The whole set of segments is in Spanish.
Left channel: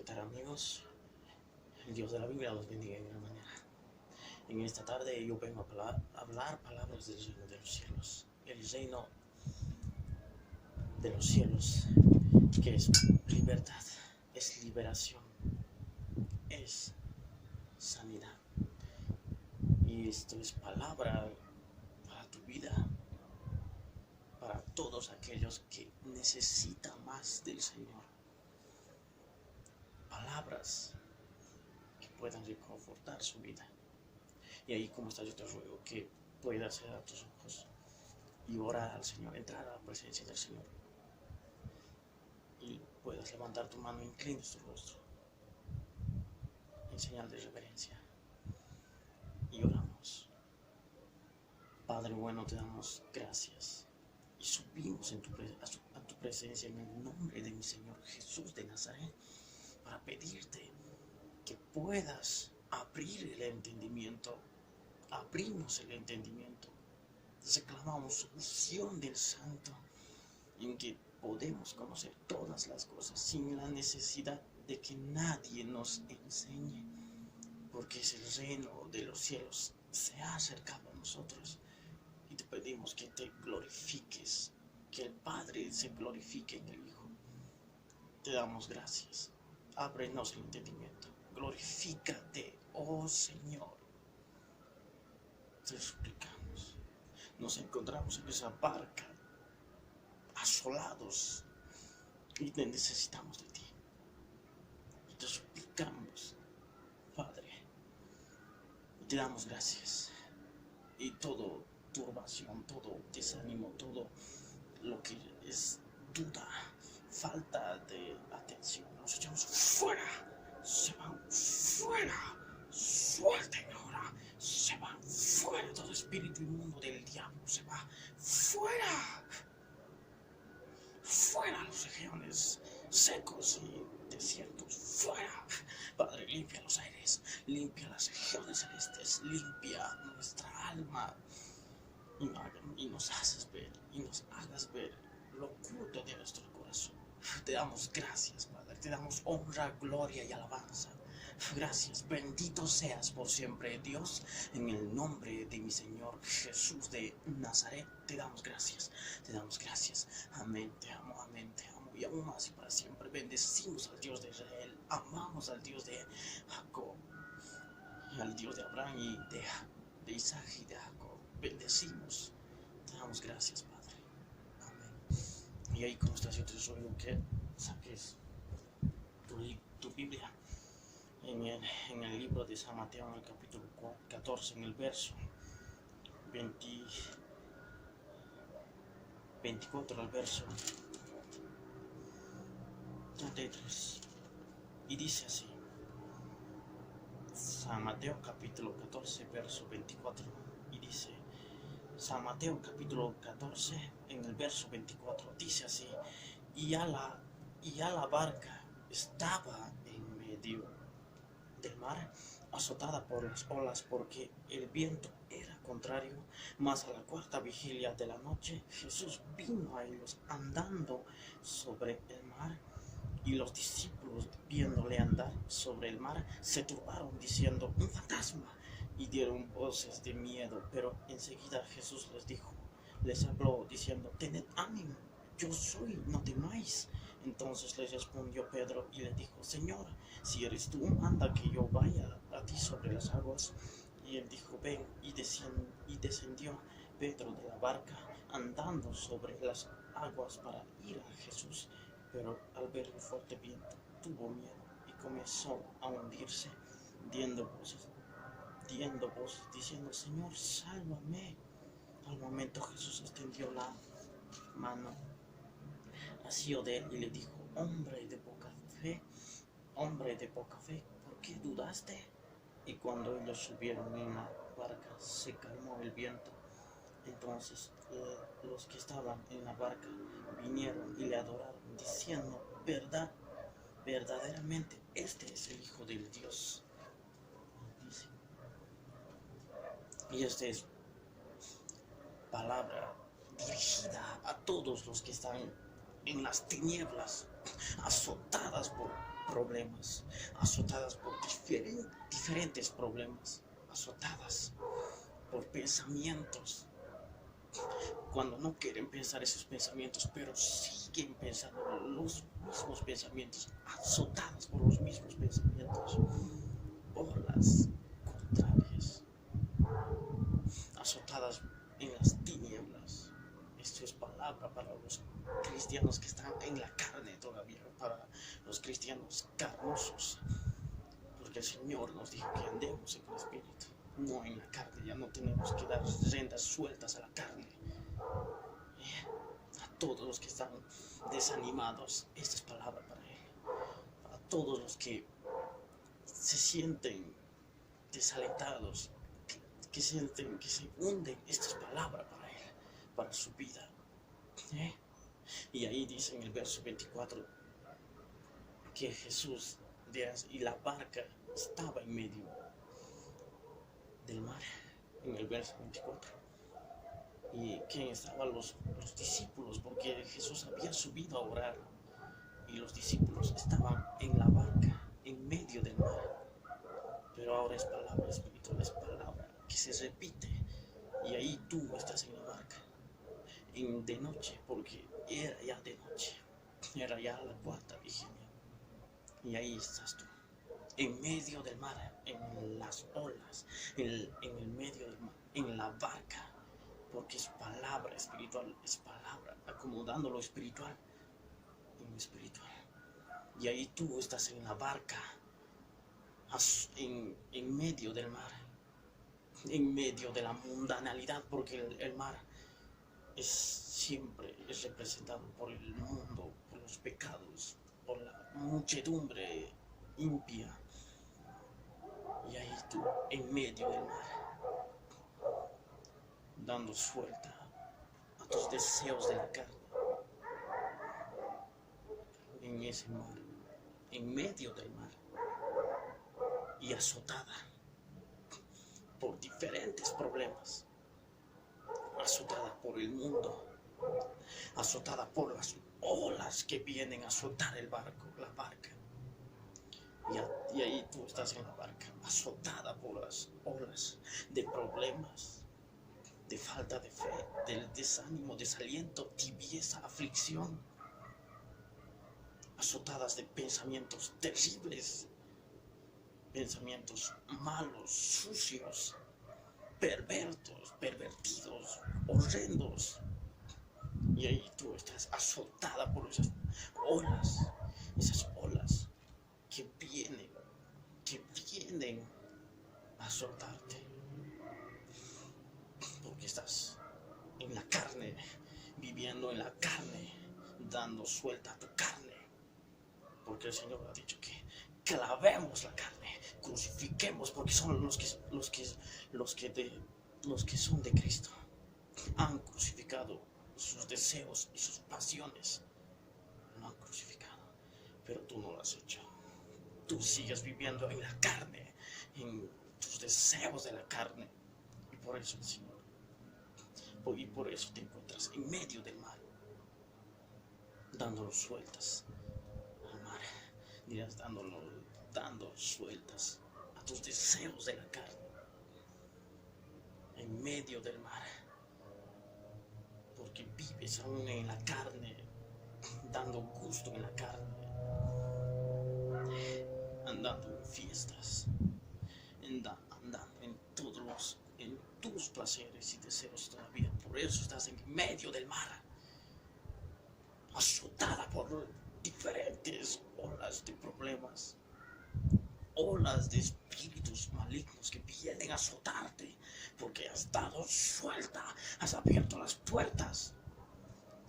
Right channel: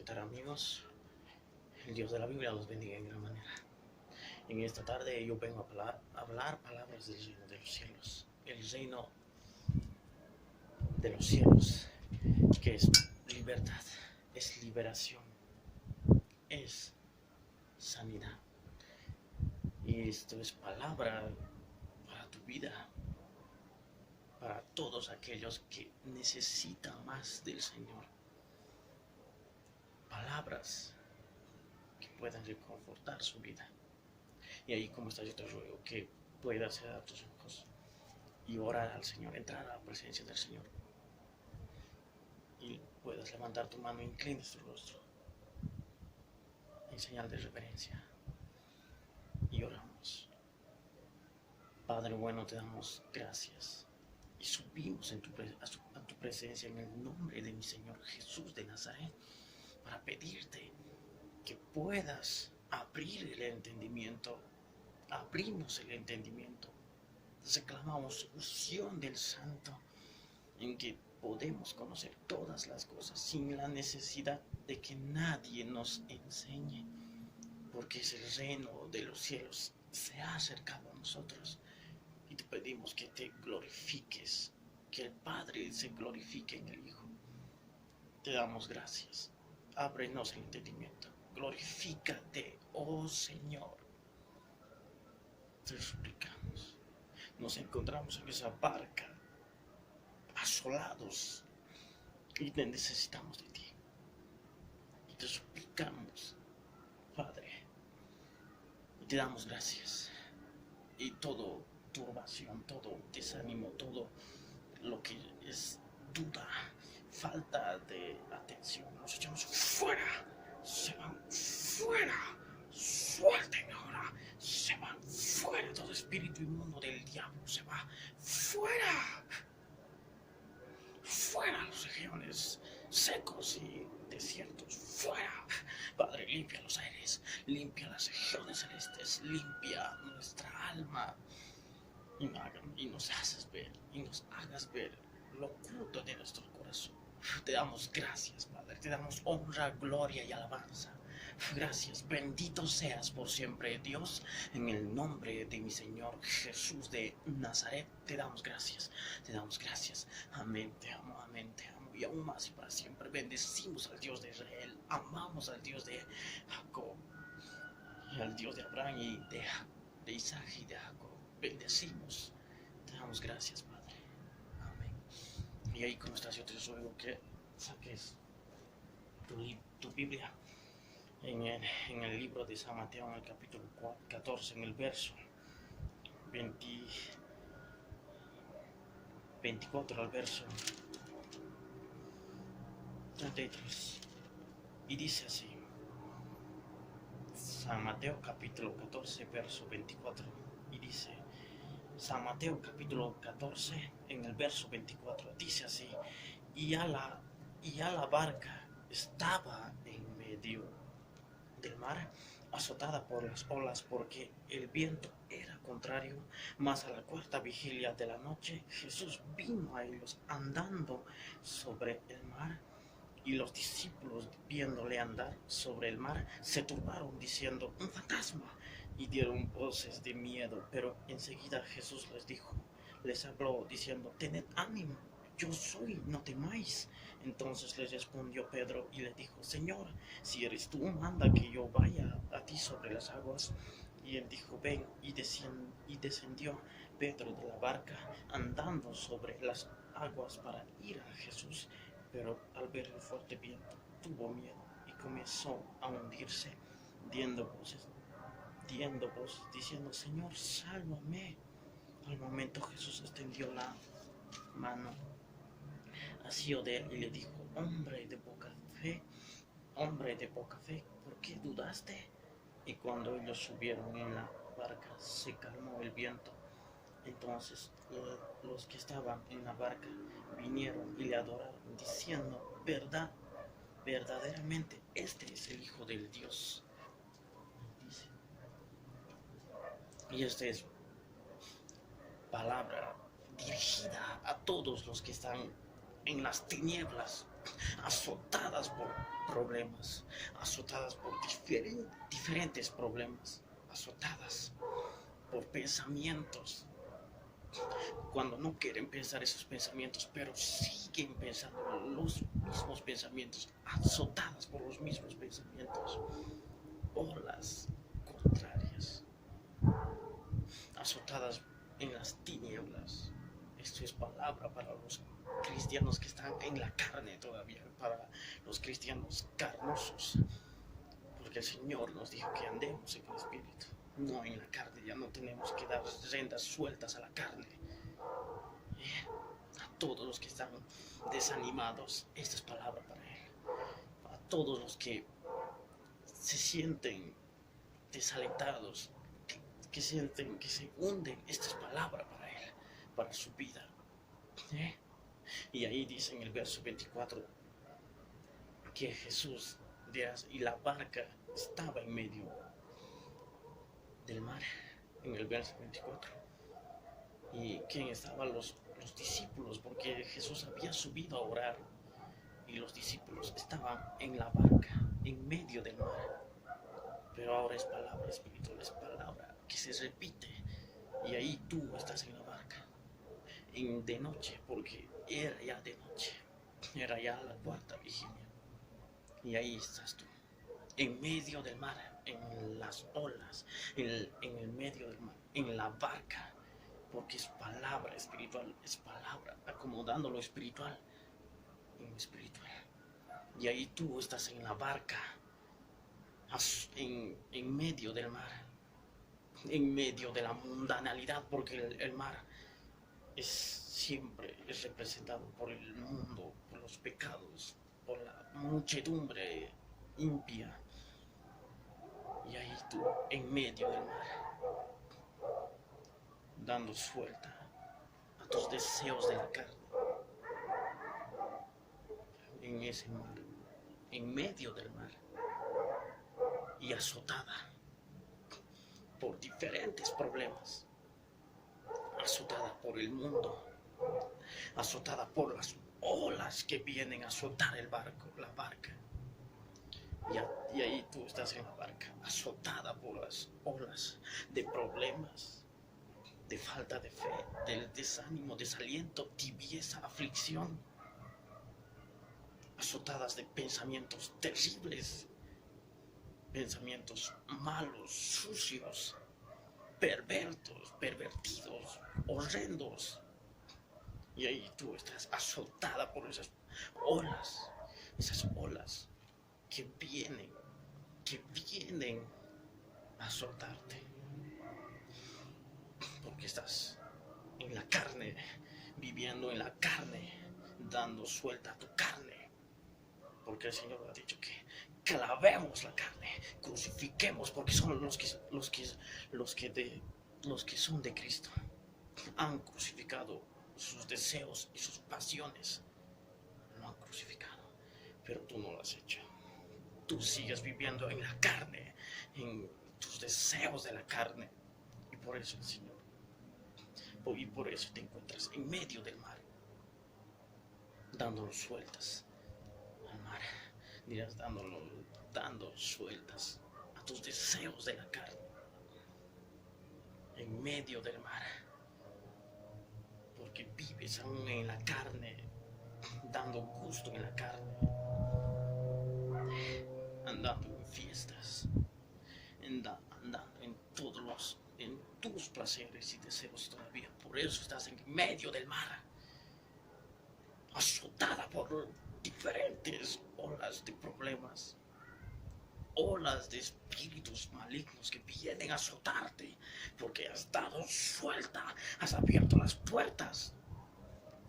¿Qué tal, amigos? El Dios de la Biblia los bendiga en gran manera. En esta tarde yo vengo a hablar palabras del reino de los cielos. El reino de los cielos, que es libertad, es liberación, es sanidad. Y esto es palabra para tu vida, para todos aquellos que necesitan más del Señor. Palabras que puedan reconfortar su vida. Y ahí, como está, yo te ruego que puedas cerrar tus ojos y orar al Señor, entrar a la presencia del Señor. Y puedas levantar tu mano e inclines tu rostro en señal de reverencia. Y oramos. Padre bueno, te damos gracias y subimos a tu presencia en el nombre de mi Señor Jesús de Nazaret para pedirte que puedas abrir el entendimiento, abrirnos el entendimiento. Reclamamos unción del Santo en que podemos conocer todas las cosas sin la necesidad de que nadie nos enseñe, porque es el reino de los cielos se ha acercado a nosotros. Y te pedimos que te glorifiques, que el Padre se glorifique en el Hijo. Te damos gracias. Ábrenos el entendimiento. Glorifícate, oh Señor. Te suplicamos. Nos encontramos en esa barca, asolados, y necesitamos de ti. Y te suplicamos, Padre. Y te damos gracias. Y todo turbación, todo desánimo, todo lo que es duda, falta de atención, nos echamos fuera, se van fuera, suelten ahora, se van fuera, todo espíritu inmundo del diablo se va fuera, fuera los regiones secos y desiertos, fuera. Padre, limpia los aires, limpia las regiones celestes, limpia nuestra alma. Y nos hagas ver lo oculto de nuestro corazón. Te damos gracias, Padre, te damos honra, gloria y alabanza. Gracias, bendito seas por siempre, Dios, en el nombre de mi Señor Jesús de Nazaret. Te damos gracias, amén, te amo, y aún más y para siempre. Bendecimos al Dios de Israel, amamos al Dios de Jacob, y al Dios de Abraham y de Isaac y de Jacob. Bendecimos, te damos gracias, Padre, amén. Y ahí, como estás, yo te ruego que saques tu Biblia en el libro de San Mateo, en el capítulo 14, en el verso 24 al verso 33, y dice así: San Mateo capítulo 14, verso 24, y dice: San Mateo capítulo 14, en el verso 24, dice así: y a la barca estaba en medio del mar, azotada por las olas, porque el viento era contrario. Mas a la cuarta vigilia de la noche, Jesús vino a ellos andando sobre el mar. Y los discípulos, viéndole andar sobre el mar, se turbaron, diciendo: un fantasma, y dieron voces de miedo. Pero enseguida Jesús les habló, diciendo: tened ánimo, yo soy, no temáis. Entonces les respondió Pedro y le dijo: Señor, si eres tú, manda que yo vaya a ti sobre las aguas. Y él dijo: ven. Y descendió Pedro de la barca, andando sobre las aguas para ir a Jesús. Pero al ver el fuerte viento, tuvo miedo y comenzó a hundirse, diendo voz, diciendo: Señor, sálvame. Al momento Jesús extendió la mano, asió de él y le dijo: hombre de poca fe, ¿por qué dudaste? Y cuando ellos subieron en la barca, se calmó el viento. Entonces los que estaban en la barca vinieron y le adoraron, diciendo: verdaderamente este es el Hijo del Dios. Dice. Y esta es palabra dirigida a todos los que están en las tinieblas, azotadas por problemas, azotadas por diferentes problemas, azotadas por pensamientos, cuando no quieren pensar esos pensamientos, pero siguen pensando los mismos pensamientos, azotadas por los mismos pensamientos, olas contrarias, azotadas en las tinieblas. Esto es palabra para los cristianos que están en la carne todavía, para los cristianos carnosos, porque el Señor nos dijo que andemos en el Espíritu, no en la carne. Ya no tenemos que dar riendas sueltas a la carne. A todos los que están desanimados, esta es palabra para Él. A todos los que se sienten desalentados, que sienten que se hunden, esta es palabra para Él, para su vida. Y ahí dice en el verso 24 que Jesús y la barca estaba en medio del mar, en el verso 24. ¿Y quién estaban los discípulos? Porque Jesús había subido a orar y los discípulos estaban en la barca, en medio del mar. Pero ahora es palabra espiritual, es palabra que se repite. Y ahí tú estás en la barca, de noche, porque era ya de noche, era ya la cuarta vigilia. Y ahí estás tú, en medio del mar, en las olas, en el medio del mar, en la barca. Porque es palabra espiritual, es palabra, acomodando lo espiritual en lo espiritual. Y ahí tú estás en la barca, en medio del mar, en medio de la mundanalidad, porque el mar siempre es representado por el mundo, por los pecados, por la muchedumbre impía. Y ahí tú, en medio del mar, dando suelta a tus deseos de la carne, en ese mar, en medio del mar, y azotada por diferentes problemas, azotada por el mundo, azotada por las olas que vienen a azotar el barco, la barca. Y ahí tú estás en la barca, azotada por las olas de problemas, de falta de fe, del desánimo, desaliento, tibieza, aflicción, azotadas de pensamientos terribles, pensamientos malos, sucios, pervertidos, horrendos. Y ahí tú estás azotada por esas olas que vienen a azotarte. Porque estás en la carne, viviendo en la carne, dando suelta a tu carne. Porque el Señor ha dicho que clavemos la carne, crucifiquemos, porque son los que son de Cristo. Han crucificado sus deseos y sus pasiones. Lo han crucificado, pero tú no lo has hecho. Tú sigues viviendo en la carne, en tus deseos de la carne. Y por eso el Señor, y por eso te encuentras en medio del mar, dando sueltas al mar. Dirás, dando sueltas a tus deseos de la carne, en medio del mar, porque vives aún en la carne, dando gusto en la carne, andando en fiestas, andando en tus placeres y deseos todavía. Por eso estás en medio del mar, azotada por diferentes olas de problemas, olas de espíritus malignos que vienen a azotarte, porque has dado suelta, has abierto las puertas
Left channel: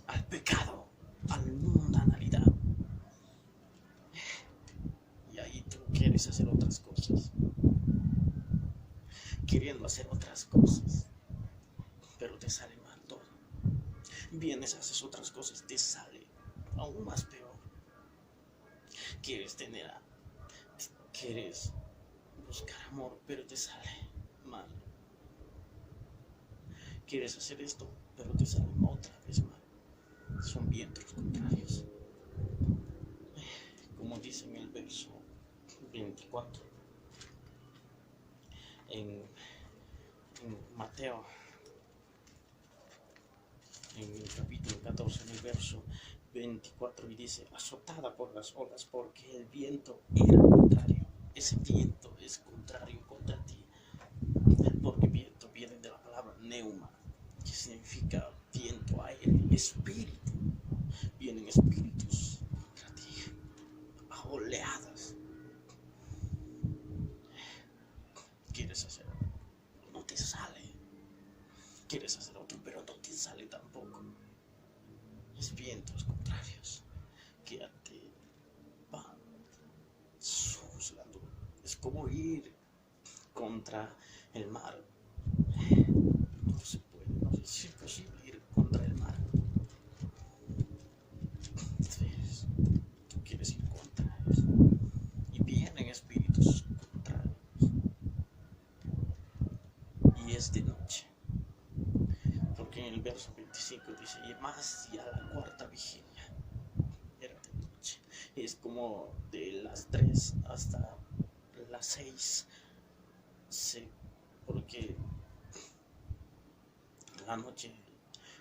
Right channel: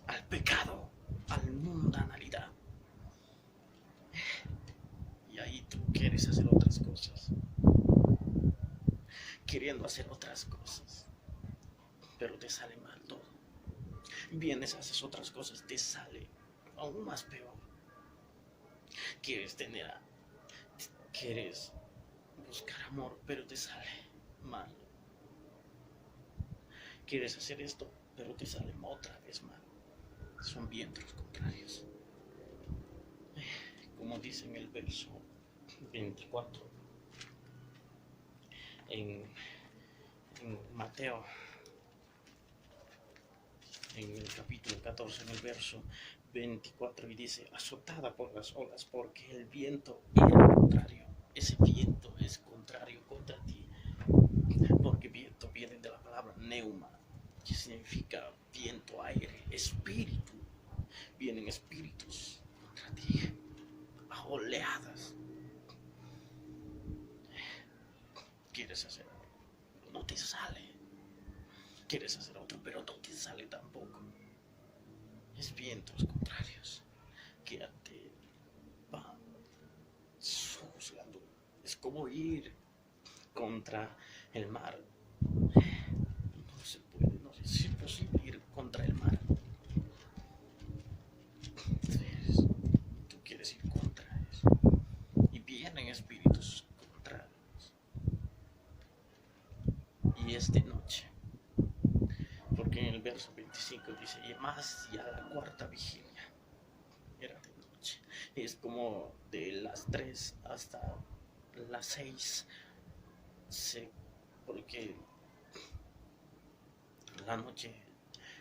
al pecado, a la mundanalidad. Y ahí tú quieres hacer otras cosas, queriendo hacer otras cosas, pero te sale mal todo. Vienes, haces otras cosas, te sale aún más peor. Quieres buscar amor, pero te sale mal. Quieres hacer esto, pero te sale otra vez mal. Son vientos contrarios. verso 24. En Mateo, en el capítulo 14, en el verso 24, y dice: azotada por las olas, porque el viento era contrario. Ese viento es contrario contra ti, porque viento viene de la palabra neuma, que significa viento, aire, espíritu. Vienen espíritus contra ti, a oleadas. Quieres hacer, no te sale. Quieres hacer otro, pero no te sale tampoco. Es vientos contrarios que te van juzgando. Es como ir contra el mar. No se puede, no es imposible ir contra el mar. Entonces, tú quieres ir contra eso. Y vienen espíritus contrarios. Y es de noche. Porque en el verso 25 dice: y más ya la cuarta vigilia era de noche. Es como de las 3 hasta las 6. Porque la noche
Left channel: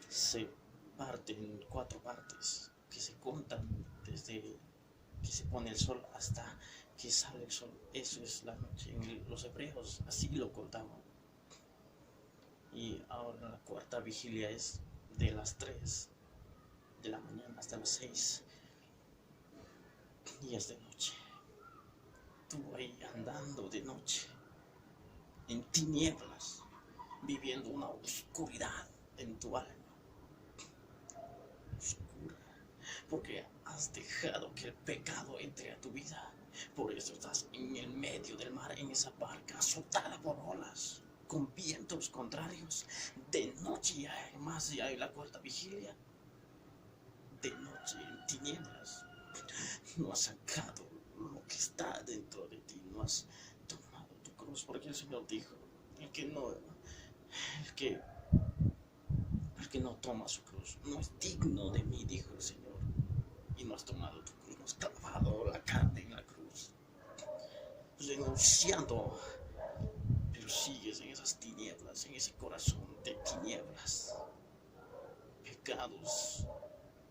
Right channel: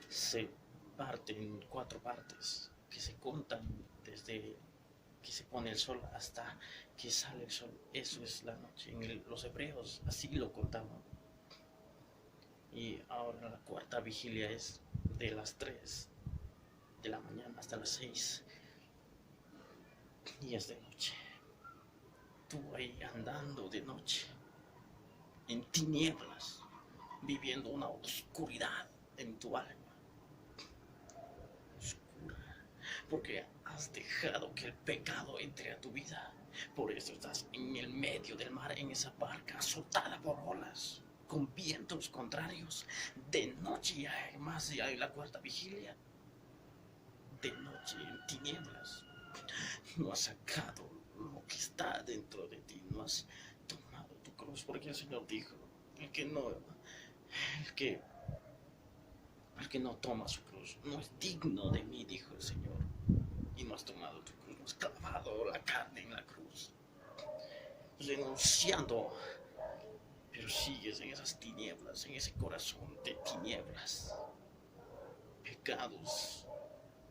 se parte en 4 partes que se contan desde que se pone el sol hasta que sale el sol. Eso es la noche. Los hebreos así lo contaban. Y ahora la cuarta vigilia es de las 3 de la mañana hasta las 6. Y es de noche. Tú ahí andando de noche, en tinieblas, viviendo una oscuridad en tu alma. Oscura. Porque has dejado que el pecado entre a tu vida. Por eso estás en el medio del mar, en esa barca azotada por olas, con vientos contrarios. De noche y además ya hay la cuarta vigilia. De noche en tinieblas. No has sacado lo que está dentro de ti. No has tomado tu cruz. Porque el Señor dijo: el que no toma su cruz no es digno de mí, dijo el Señor. Y no has tomado tu cruz, no has clavado la carne en la cruz, renunciando, pero sigues en esas tinieblas, en ese corazón de tinieblas, pecados,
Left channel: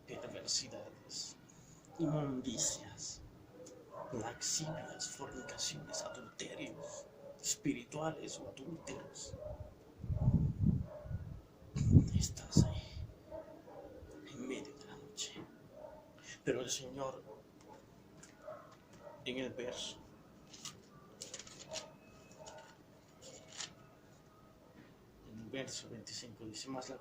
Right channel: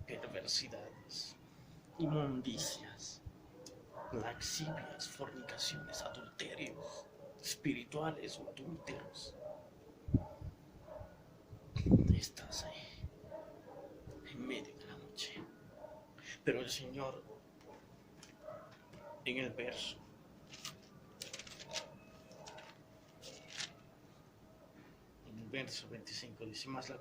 perversidades, inmundicias, laxivias, fornicaciones, adulterios espirituales o adúlteros. Estás ahí en medio de la noche. Pero el Señor, en el verso 25 dice: más a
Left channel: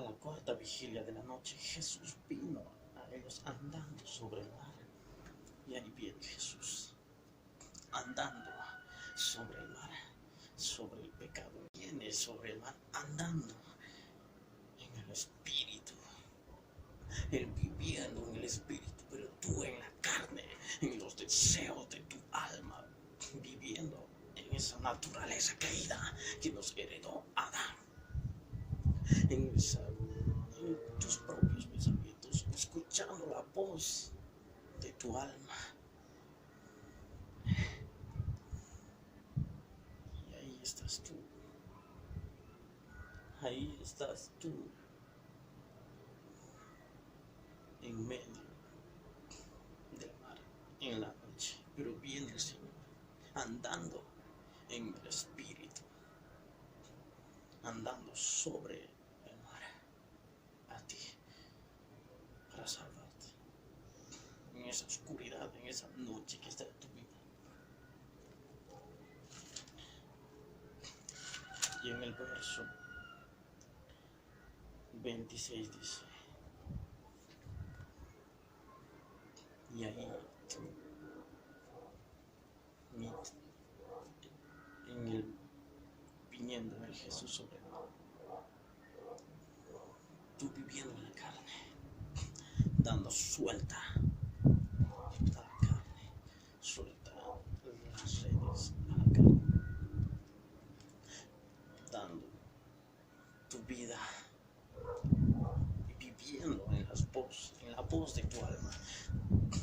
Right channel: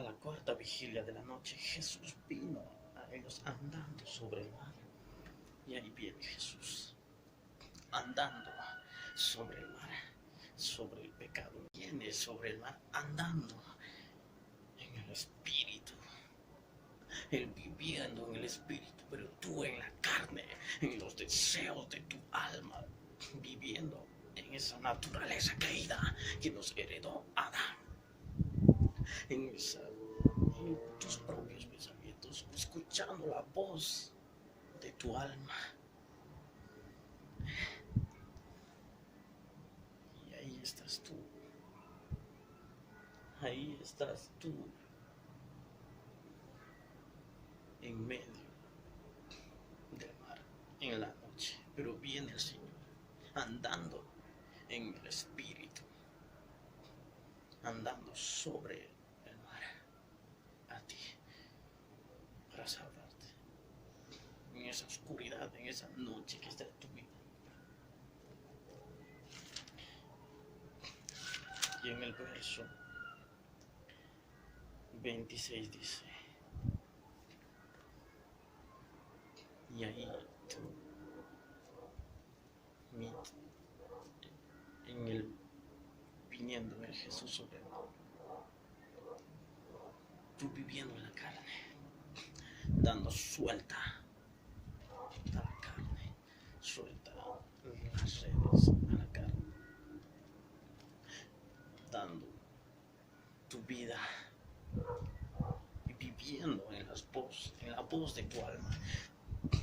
la cuarta vigilia de la noche Jesús vino a ellos andando sobre el mar. Y ahí viene Jesús andando sobre el mar, sobre el pecado. Viene sobre el mar andando en el espíritu, él viviendo en el espíritu, pero tú en la carne, en los deseos de tu alma, viviendo en esa naturaleza caída que nos heredó Adán, en tus propios pensamientos, escuchando la voz de tu alma. Y ahí estás tú. Ahí estás tú, en medio del mar, en la noche. Pero viene el Señor, andando en el espíritu, andando sobre el mar, a ti, para salvarte, en esa oscuridad, en esa noche que está en tu vida. Y en el verso 26 dice: y ahí tú, viniendo el Jesús sobre el mar, tú viviendo en la carne, dando suelta a la carne, suelta las redes a la carne, dando tu vida y viviendo en la voz de tu alma,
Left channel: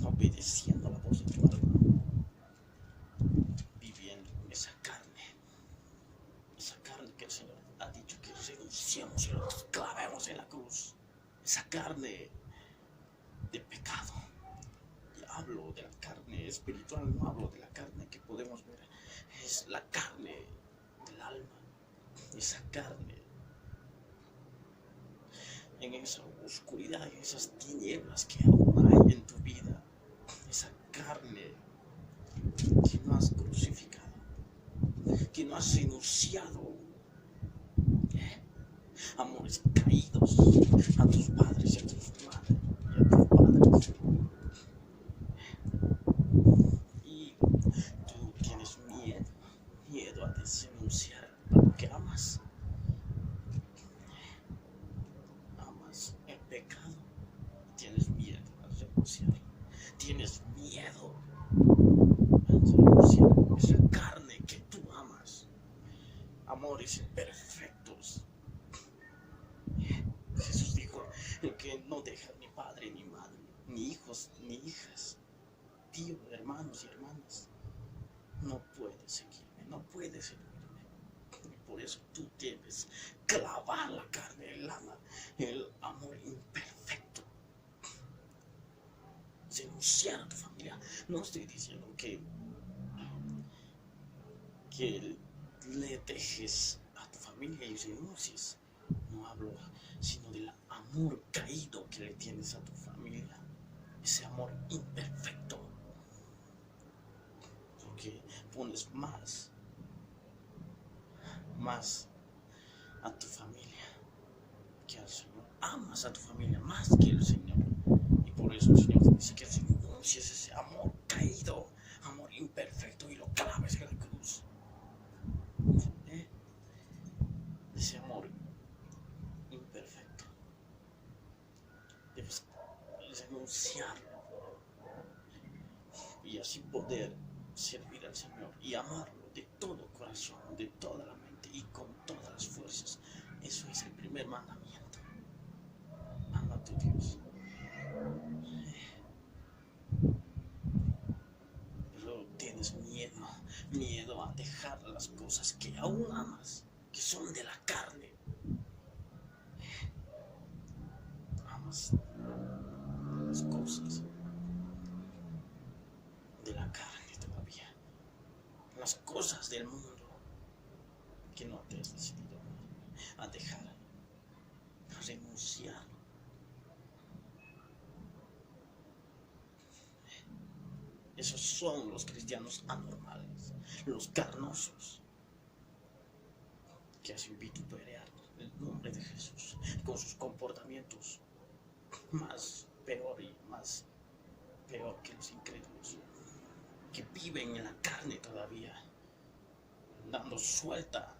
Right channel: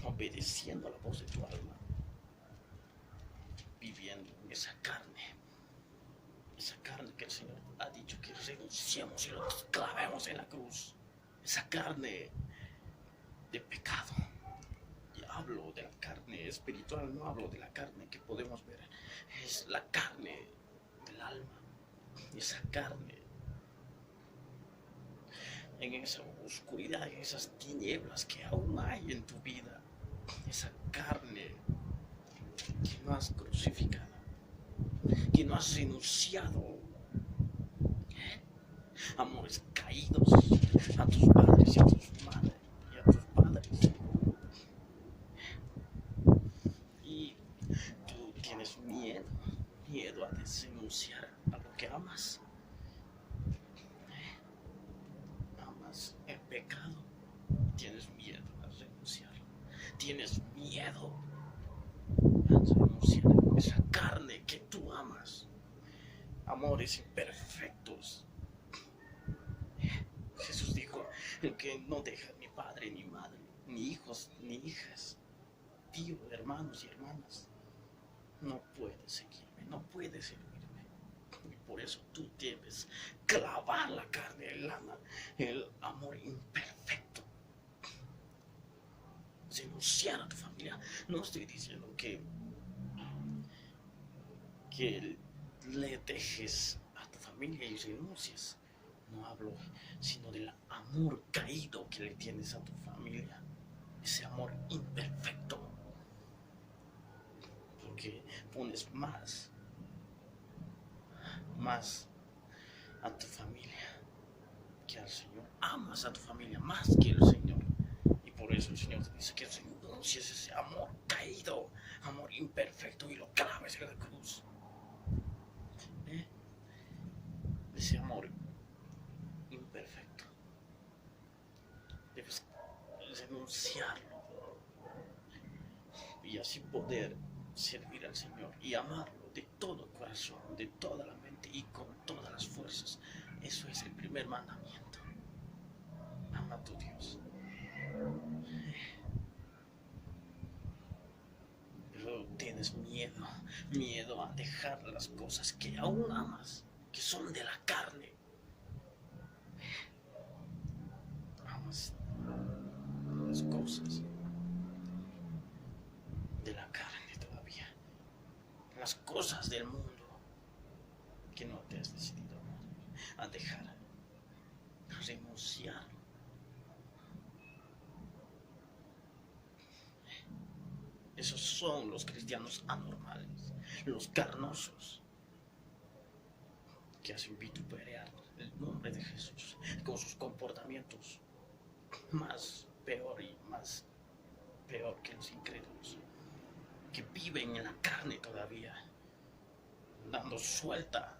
obedeciendo a la voz de tu alma, viviendo en esa carne que el Señor ha dicho que renunciamos y lo clavemos en la cruz, esa carne de pecado. Y hablo de la carne espiritual, no hablo de la carne que podemos ver, es la carne del alma, esa carne en esa oscuridad, en esas tinieblas que aún hay en tu vida, esa carne que no has crucificado, que no has renunciado, amores caídos a tus padres y a tus madres y a tus padres, y tú tienes miedo a denunciar a lo que amas el pecado, tienes miedo a renunciar, tienes miedo a renunciar a esa carne que tú amas, amores imperfectos. Jesús dijo que no deja ni padre ni madre, ni hijos ni hijas, tío, hermanos y hermanas, no puedes seguirme, no puedes servirme. Y por eso tú debes clavar la carne, el amor imperfecto, renunciar a tu familia. No estoy diciendo que le dejes a tu familia y renuncies, no hablo sino del amor caído que le tienes a tu familia, ese amor imperfecto, porque pones más a tu familia que al Señor, amas a tu familia más que el Señor, y por eso el Señor te dice que renuncies ese amor caído, amor imperfecto, y lo claves en la cruz. Ese amor imperfecto debes renunciarlo y así poder servir al Señor y amarlo de todo corazón, de toda la mente y con todas las fuerzas. Eso es el primer mandamiento. Ama a tu Dios. Pero tienes miedo a dejar las cosas que aún amas, que son de la carne. Amas las cosas de la carne todavía, las cosas del mundo que no te has decidido a dejar, a renunciar. Esos son los cristianos anormales, los carnosos, que hacen vituperar el nombre de Jesús con sus comportamientos más peor que los incrédulos, que viven en la carne todavía, dando suelta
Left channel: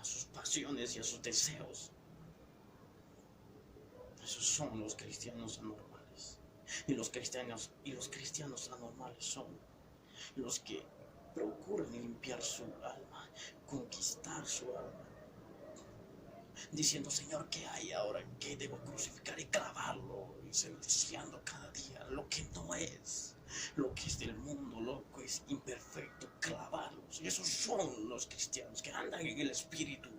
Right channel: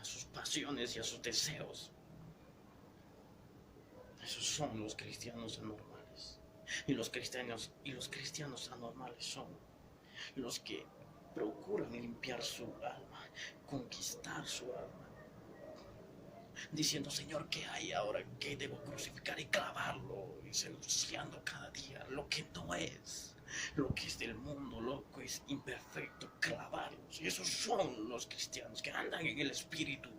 a sus pasiones y a sus deseos. Esos son los cristianos anormales. Y los cristianos anormales son los que procuran limpiar su alma, conquistar su alma, diciendo: Señor, ¿qué hay ahora? ¿Qué debo crucificar y clavarlo? Y denunciando cada día lo que no es, lo que es del mundo, lo que es imperfecto, clavarlos. Y esos son los cristianos que andan en el Espíritu,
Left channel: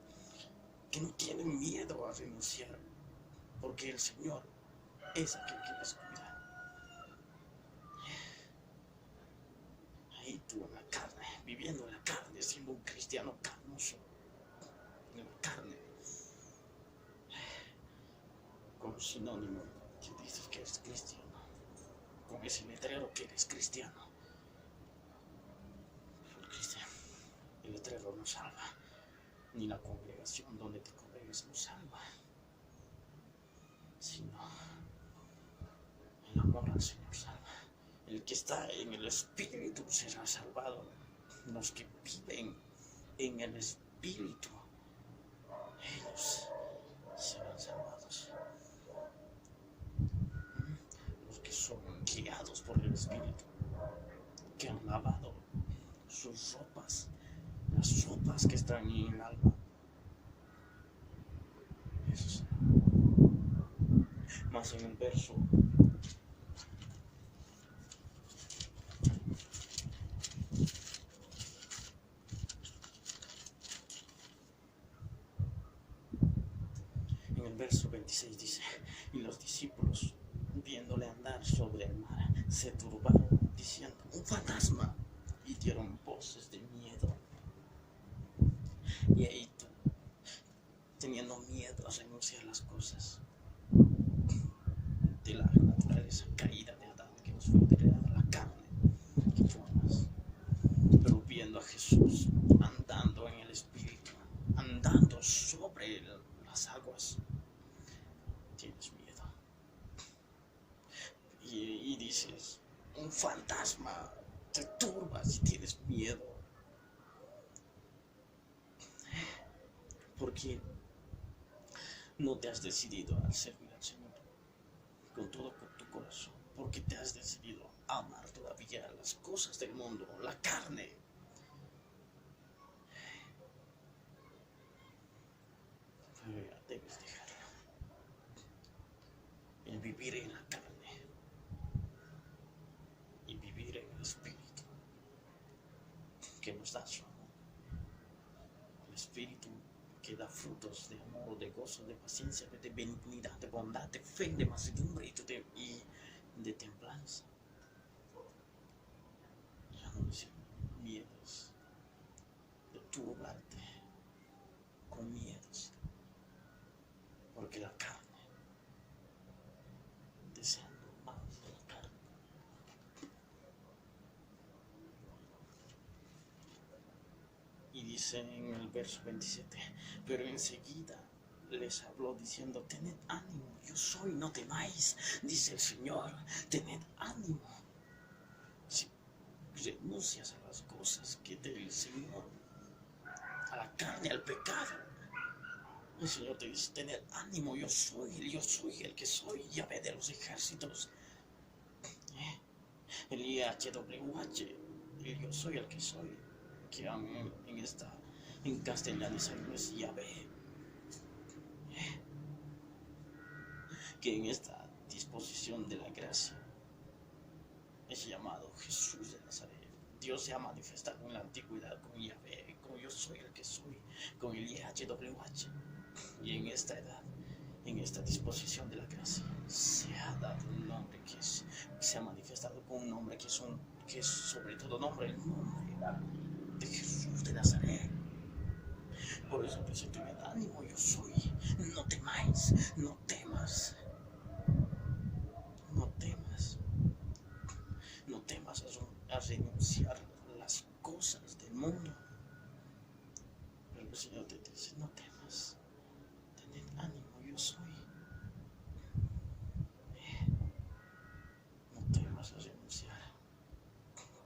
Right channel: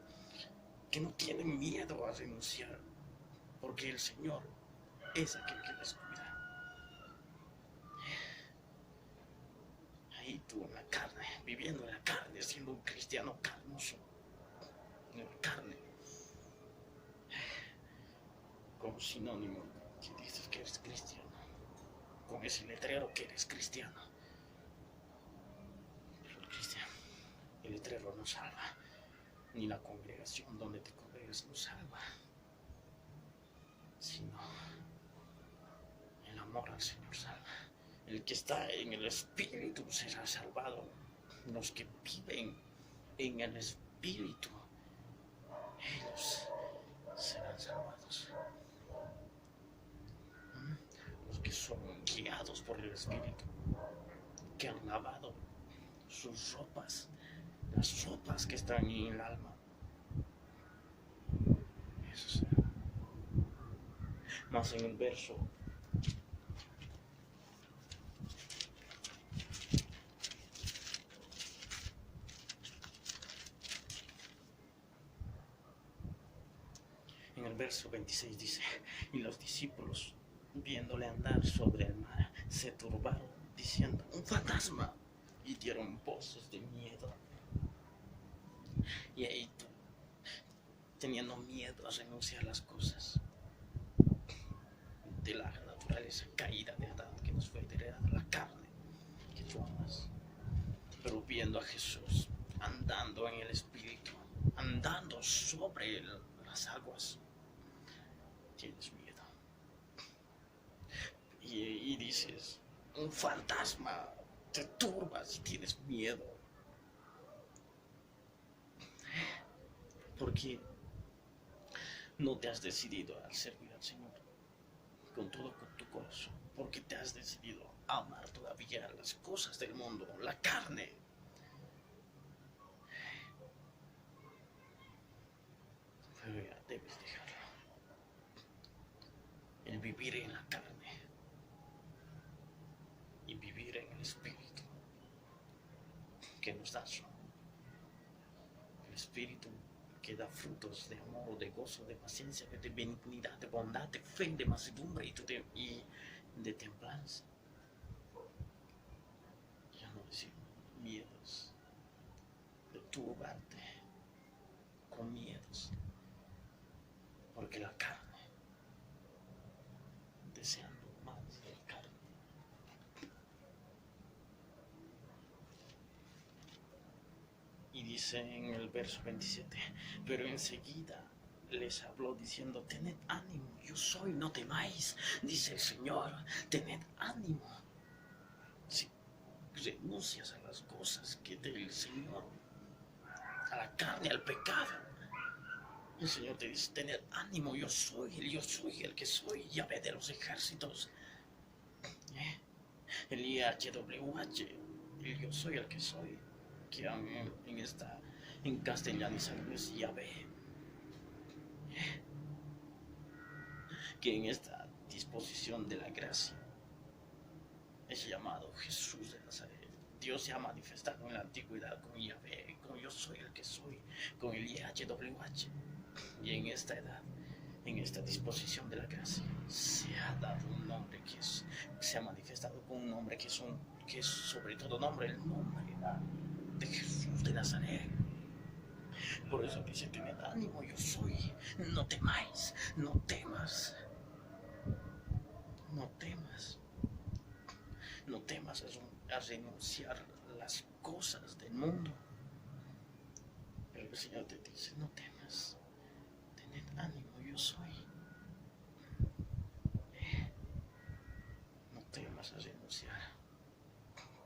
que no tienen miedo a renunciar, porque el Señor es aquel que les cuida. Ahí tú en la carne, viviendo en la carne, siendo un cristiano carnoso, en la carne, como sinónimo que dices que eres cristiano, con ese letrero que eres cristiano. Pero el letrero no salva, ni la congregación donde te congregues no salva, sino el amor al Señor salva. El que está en el Espíritu será salvado. Los que viven en el Espíritu, ellos serán salvados. Los que son guiados por el Espíritu, que han lavado sus ropas, las ropas que están en el alma, eso será. Más en el verso verso 26 dice, y los discípulos, viéndole andar sobre el mar, se turbaron, diciendo, un fantasma, y dieron voces de miedo. Y ahí tú, teniendo miedo a renunciar a las cosas de la naturaleza caída de Adán, que nos fue heredada la carne, que tú amas, pero viendo a Jesús andando en el Espíritu, andando sobre las aguas, tienes miedo. Y dices, un fantasma, te turbas y tienes miedo. Porque no te has decidido a servir al Señor con todo tu corazón, porque te has decidido a amar todavía las cosas del mundo, la carne. Pero ya debes dejarlo. El vivir en la carne y vivir en el Espíritu que nos da su amor. El Espíritu que da frutos de amor, de gozo, de paciencia, de benignidad, de bondad, de fe, de mansedumbre y de templanza. Ya no decir miedos, de turbarte con miedos, porque la carne, deseando más de la carne. Y dice en el verso 27, pero enseguida les habló diciendo, tened ánimo, yo soy, no temáis, dice el Señor, tened ánimo. Si renuncias a las cosas que del Señor, a la carne, al pecado, el Señor te dice, tened ánimo, yo soy el que soy, Yahvé de los ejércitos. El IHWH, el yo soy el que soy, que en castellano es Yahvé, que en esta disposición de la gracia es llamado Jesús de Nazaret. Dios se ha manifestado en la antigüedad con Yahvé, con yo soy el que soy, con el IHWH, y en esta edad, en esta disposición de la gracia, se ha dado un nombre se ha manifestado con un nombre que es sobre todo nombre, el nombre de Jesús de Nazaret. Por eso dice, tened ánimo, yo soy, no temáis, no temas, no temas, no temas a renunciar a las cosas del mundo. Pero el Señor te dice, no temas, tened ánimo, yo soy. No temas a renunciar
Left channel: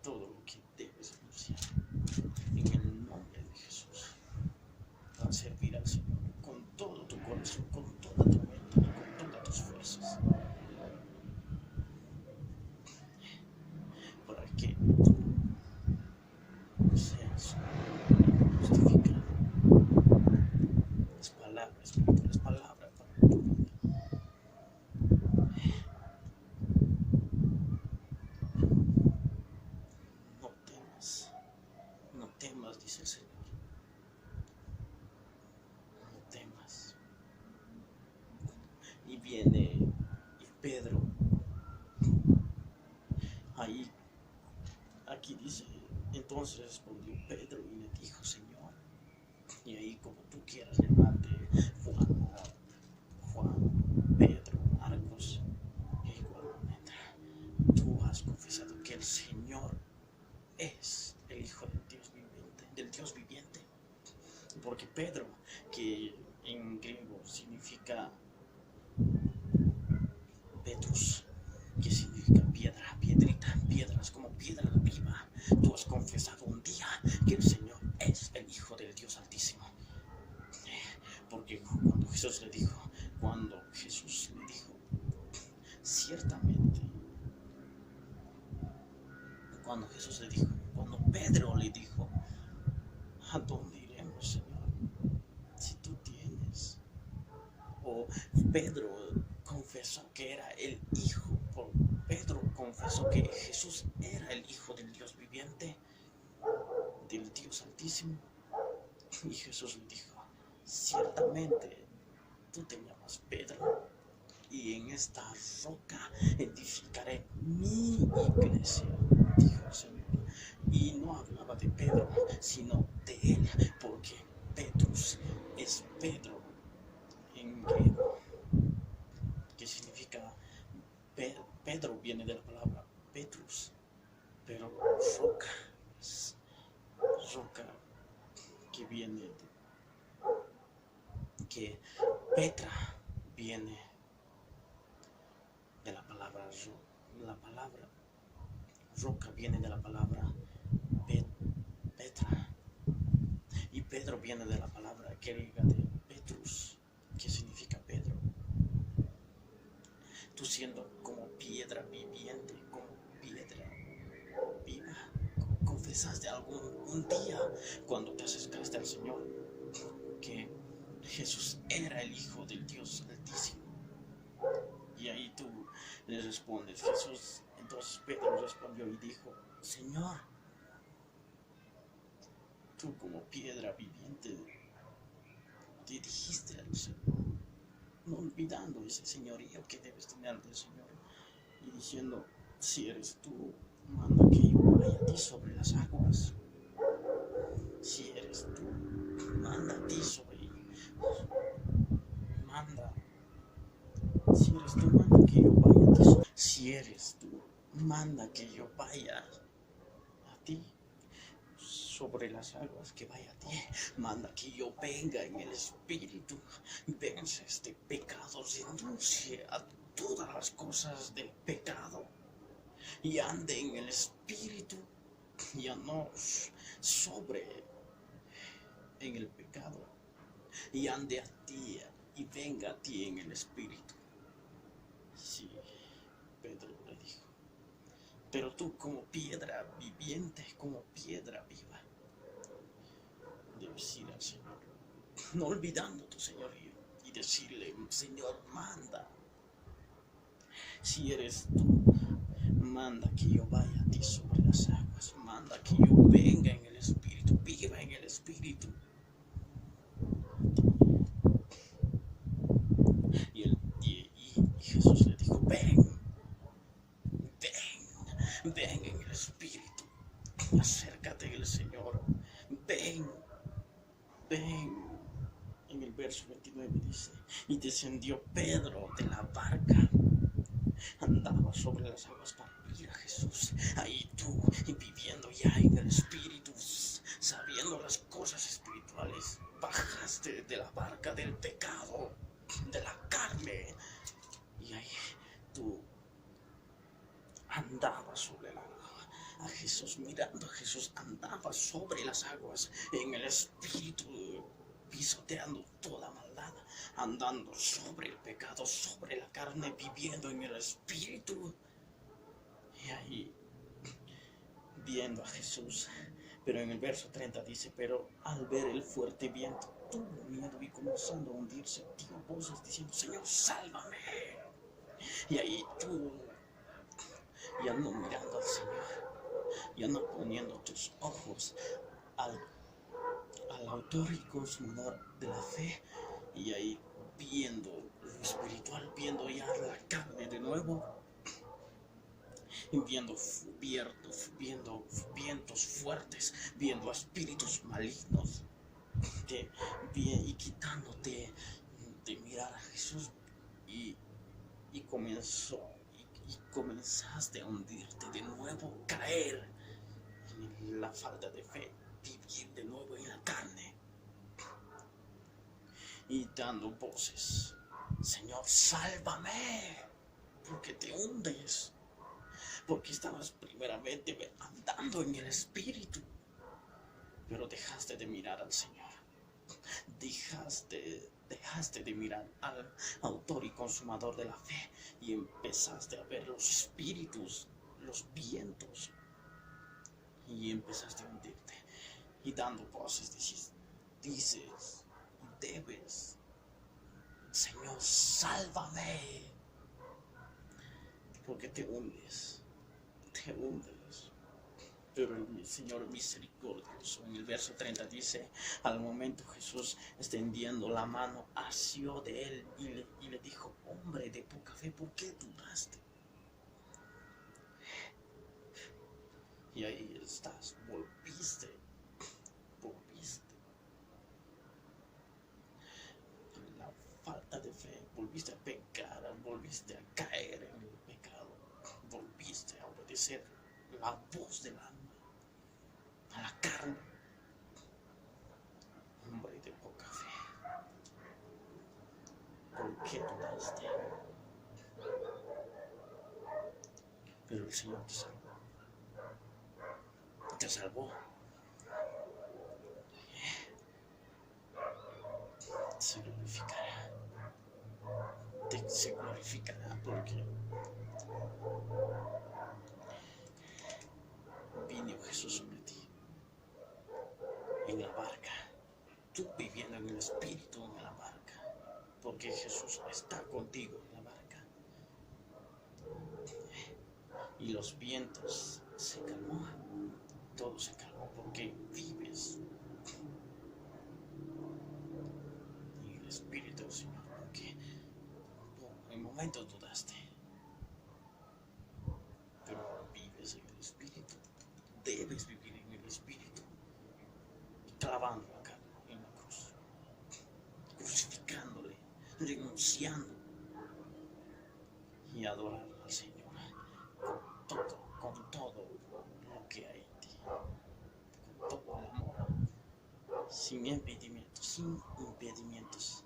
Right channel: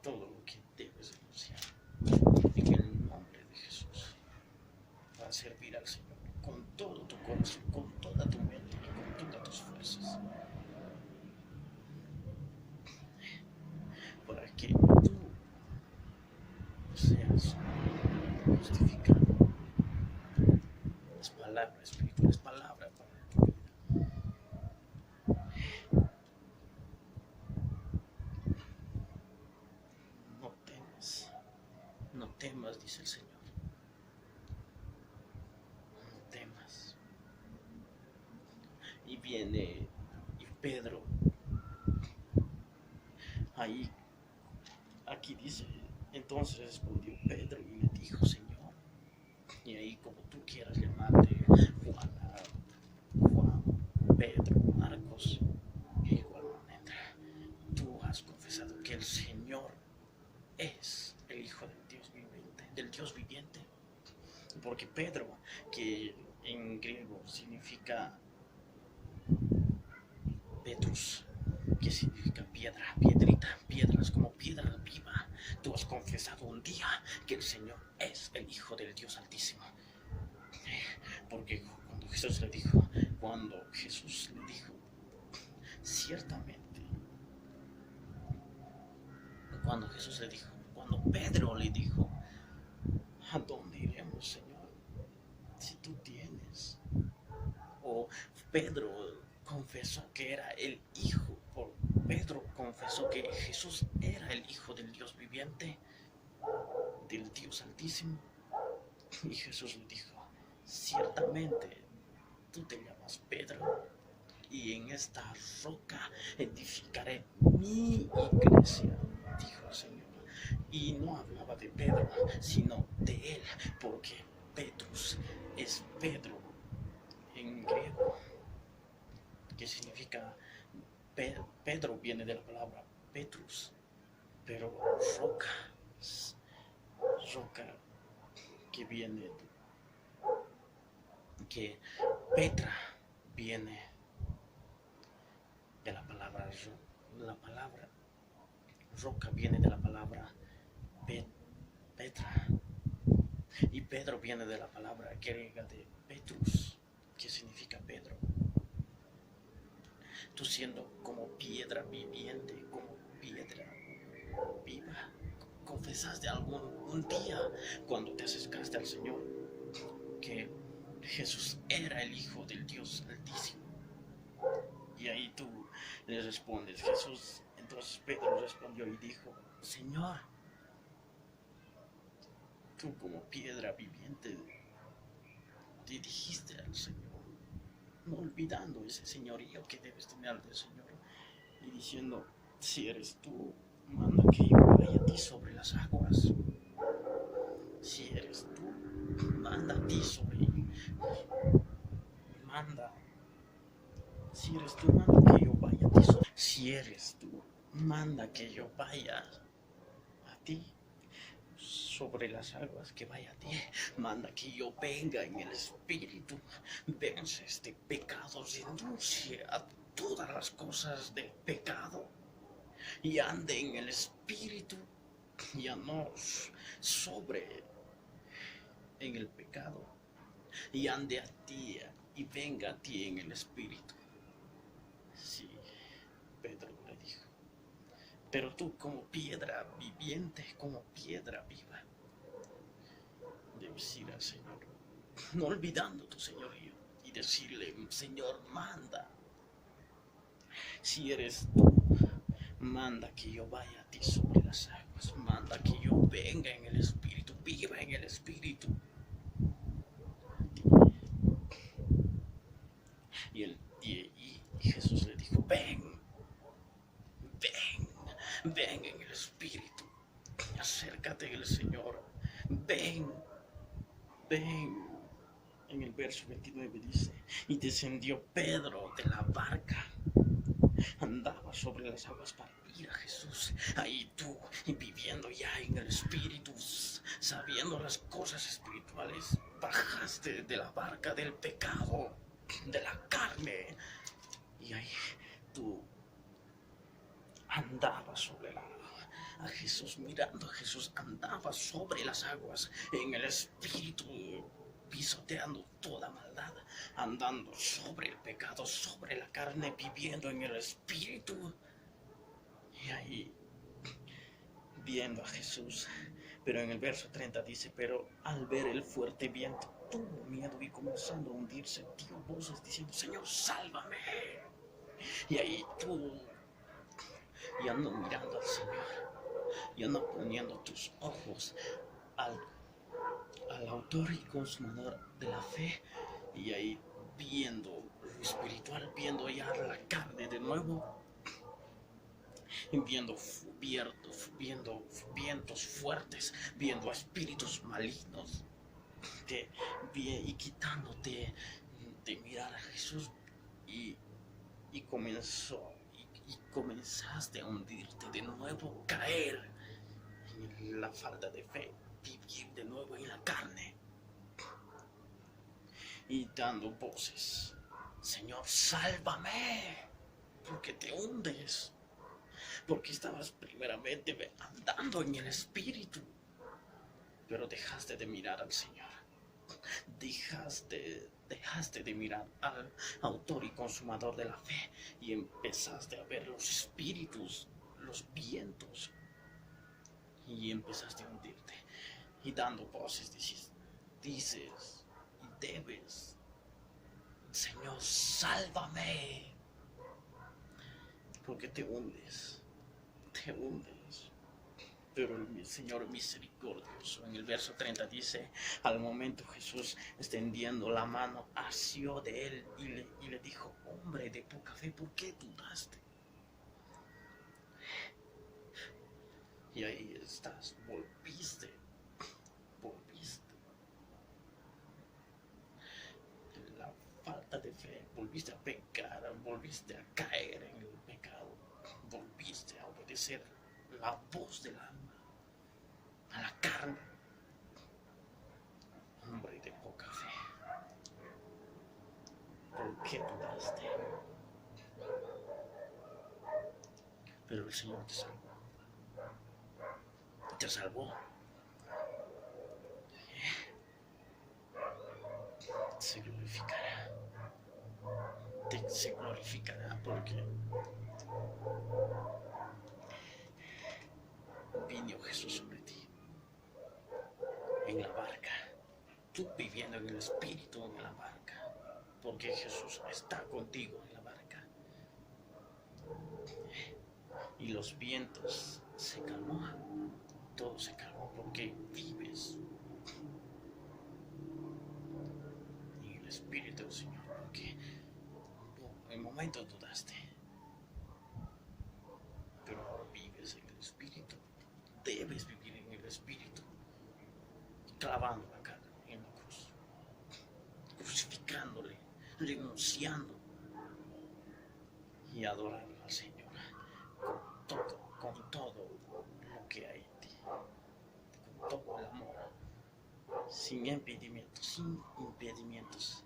todo lo que debes renunciar en el nombre de Jesús, para servir al Señor con todo tu corazón, con toda tu mente, con todas tus fuerzas, para que tú seas justificado. Es palabra espiritual, es palabra para tu vida. No temas, dice el Señor. No temas. Y viene Pedro. Aquí dice, entonces respondió Pedro y le dijo, Señor, y ahí como tú quieras llamarte, Juan, Pedro, Marcos, igualmente, tú has confesado que el Señor es el Hijo del Dios viviente, porque Pedro, que en griego significa Petrus, que significa piedra, piedrita, piedras como piedra viva. Tú has confesado un día que el Señor es el Hijo del Dios Altísimo. Porque cuando Jesús le dijo, ciertamente, cuando Pedro le dijo, ¿a dónde iremos, Señor? Si tú tienes. O Pedro confesó que era el Hijo, Pedro confesó que Jesús era el Hijo del Dios viviente, del Dios Altísimo. Y Jesús le dijo, ciertamente tú te llamas Pedro, y en esta roca edificaré mi iglesia, dijo el Señor. Y no hablaba de Pedro, sino de él, porque Petrus es Pedro en griego, que significa Pedro viene de la palabra Petrus, pero roca, roca que viene que Petra viene de la palabra roca viene de la palabra Petra, y Pedro viene de la palabra griega de Petrus, que significa Pedro. Tú siendo como piedra viviente, como piedra viva, confesaste un día cuando te acercaste al Señor que Jesús era el Hijo del Dios Altísimo. Y ahí tú le respondes, Jesús. Entonces Pedro respondió y dijo, Señor, tú como piedra viviente te dijiste al Señor, no olvidando ese señorío que debes tener del Señor, y diciendo, si eres tú, manda que yo vaya a ti sobre las aguas. Si eres tú, manda a ti sobre manda. Si eres tú, manda que yo vaya a ti. Si eres tú, manda que yo vaya a ti sobre las aguas, que vaya a ti. Manda que yo venga en el Espíritu, vence este pecado, renuncie a todas las cosas de pecado y ande en el Espíritu, ya no sobre en el pecado, y ande a ti y venga a ti en el Espíritu. Sí, Pedro le dijo, pero tú como piedra viviente, como piedra viva, debes ir al Señor, no olvidando tu señorío, y decirle, Señor, manda. Si eres tú, manda que yo vaya a ti sobre las aguas, manda que yo venga en el Espíritu, viva en el Espíritu. Y Jesús le dijo, ven en el Espíritu, acércate al Señor, ven. En el verso 29 dice, y descendió Pedro de la barca, andaba sobre las aguas para ir a Jesús. Ahí tú, viviendo ya en el Espíritu, sabiendo las cosas espirituales, bajaste de la barca del pecado, de la carne, y ahí tú andabas sobre el agua. A Jesús, mirando a Jesús, andaba sobre las aguas en el Espíritu, pisoteando toda maldad, andando sobre el pecado, sobre la carne, viviendo en el Espíritu. Y ahí, viendo a Jesús, pero en el verso 30 dice, pero al ver el fuerte viento, tuvo miedo y comenzando a hundirse, dio voces diciendo, Señor, sálvame. Y ahí tú, ya no mirando al Señor, ya no poniendo tus ojos al autor y consumador de la fe, y ahí viendo lo espiritual, viendo ya la carne de nuevo, viendo vientos fuertes, viendo a espíritus malignos, y quitándote de mirar a Jesús, y comenzaste a hundirte de nuevo, caer en la falta de fe, vivir de nuevo en la carne, y dando voces, Señor, sálvame, porque te hundes, porque estabas primeramente andando en el Espíritu, pero dejaste de mirar al Señor, dejaste de mirar al autor y consumador de la fe, y empezaste a ver los espíritus, los vientos, y empezaste a hundirte, y dando voces dices, y debes, Señor, sálvame, porque te hundes, Pero el Señor misericordioso en el verso 30 dice, al momento Jesús extendiendo la mano asió de él y le dijo, hombre de poca fe, ¿por qué dudaste? Y ahí estás, volviste. La falta de fe, volviste a pecar, volviste a caer en el pecado, volviste a obedecer la voz del alma, a la carne. Hombre de poca fe, ¿por qué dudaste? Pero el Señor te salvó. Te salvó. Se glorificará. Se glorificará porque vino Jesús sobre ti en la barca, tú viviendo en el Espíritu en la barca, porque Jesús está contigo en la barca. Y los vientos se calmó, todo se calmó porque vives en el Espíritu del Señor, porque en momentos dudaste, pero vives en el Espíritu, debes vivir en el Espíritu, clavando la carne en la cruz, crucificándole, renunciando y adorando al Señor con todo lo que hay en ti, con todo el amor, sin impedimentos.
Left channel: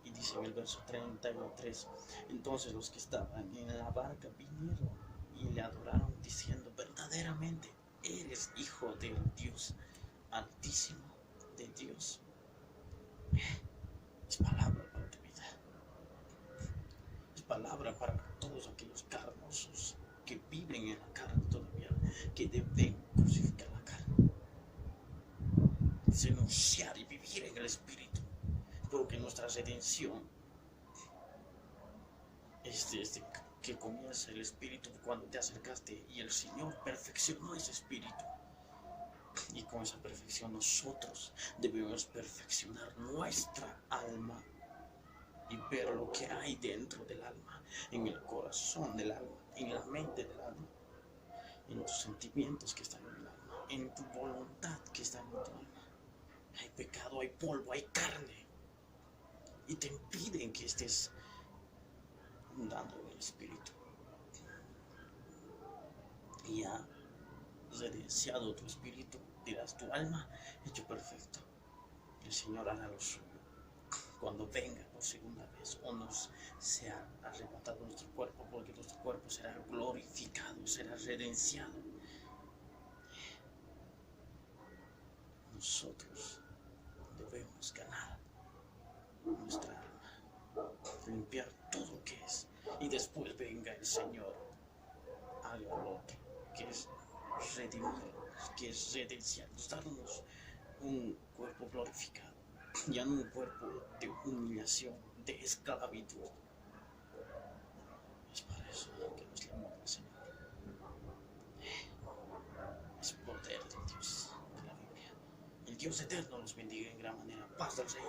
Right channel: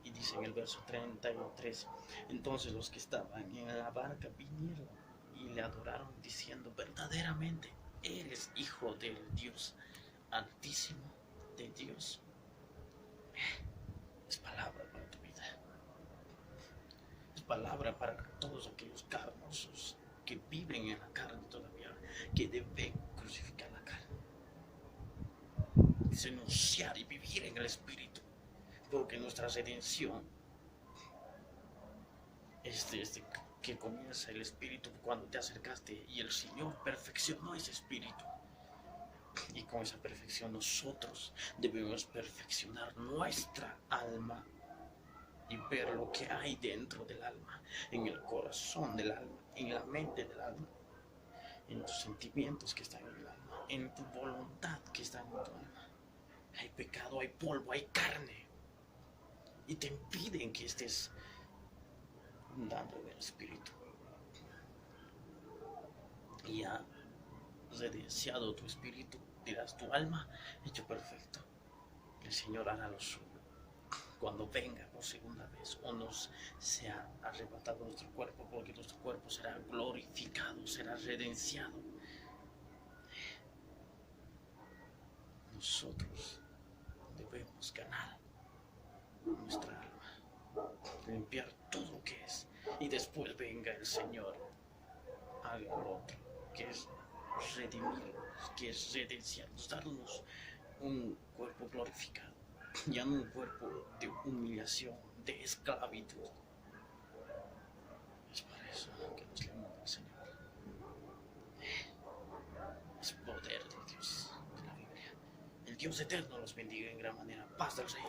Y dice en el verso 33, entonces los que estaban en la barca vinieron y le adoraron diciendo, verdaderamente Él es Hijo del Dios Altísimo, de Dios. Es palabra para tu vida, es palabra para todos aquellos carnosos que viven en la carne todavía, que deben crucificar la carne, denunciar y vivir en el Espíritu, porque nuestra redención es desde que comienza el Espíritu cuando te acercaste y el Señor perfeccionó ese Espíritu. Y con esa perfección nosotros debemos perfeccionar nuestra alma y ver lo que hay dentro del alma, en el corazón del alma, en la mente del alma, en los sentimientos que están en el alma, en tu voluntad que está en tu alma. Hay pecado, hay polvo, hay carne, y te impiden que estés andando en el Espíritu. Y ya redenciado tu espíritu, dirás, tu alma hecho perfecto. El Señor hará lo suyo cuando venga por segunda vez o nos sea arrebatado nuestro cuerpo, porque nuestro cuerpo será glorificado, será redenciado. Nosotros debemos ganar nuestra alma, limpiar todo lo que es, y después venga el Señor, haga lo otro, que es redimirnos, que es redenciarnos, darnos un cuerpo glorificado, ya no un cuerpo de humillación, de esclavitud. Es por eso que nos llamamos al Señor. Es poder de Dios, de la Biblia. El Dios eterno los bendiga en gran manera. Paz del Rey.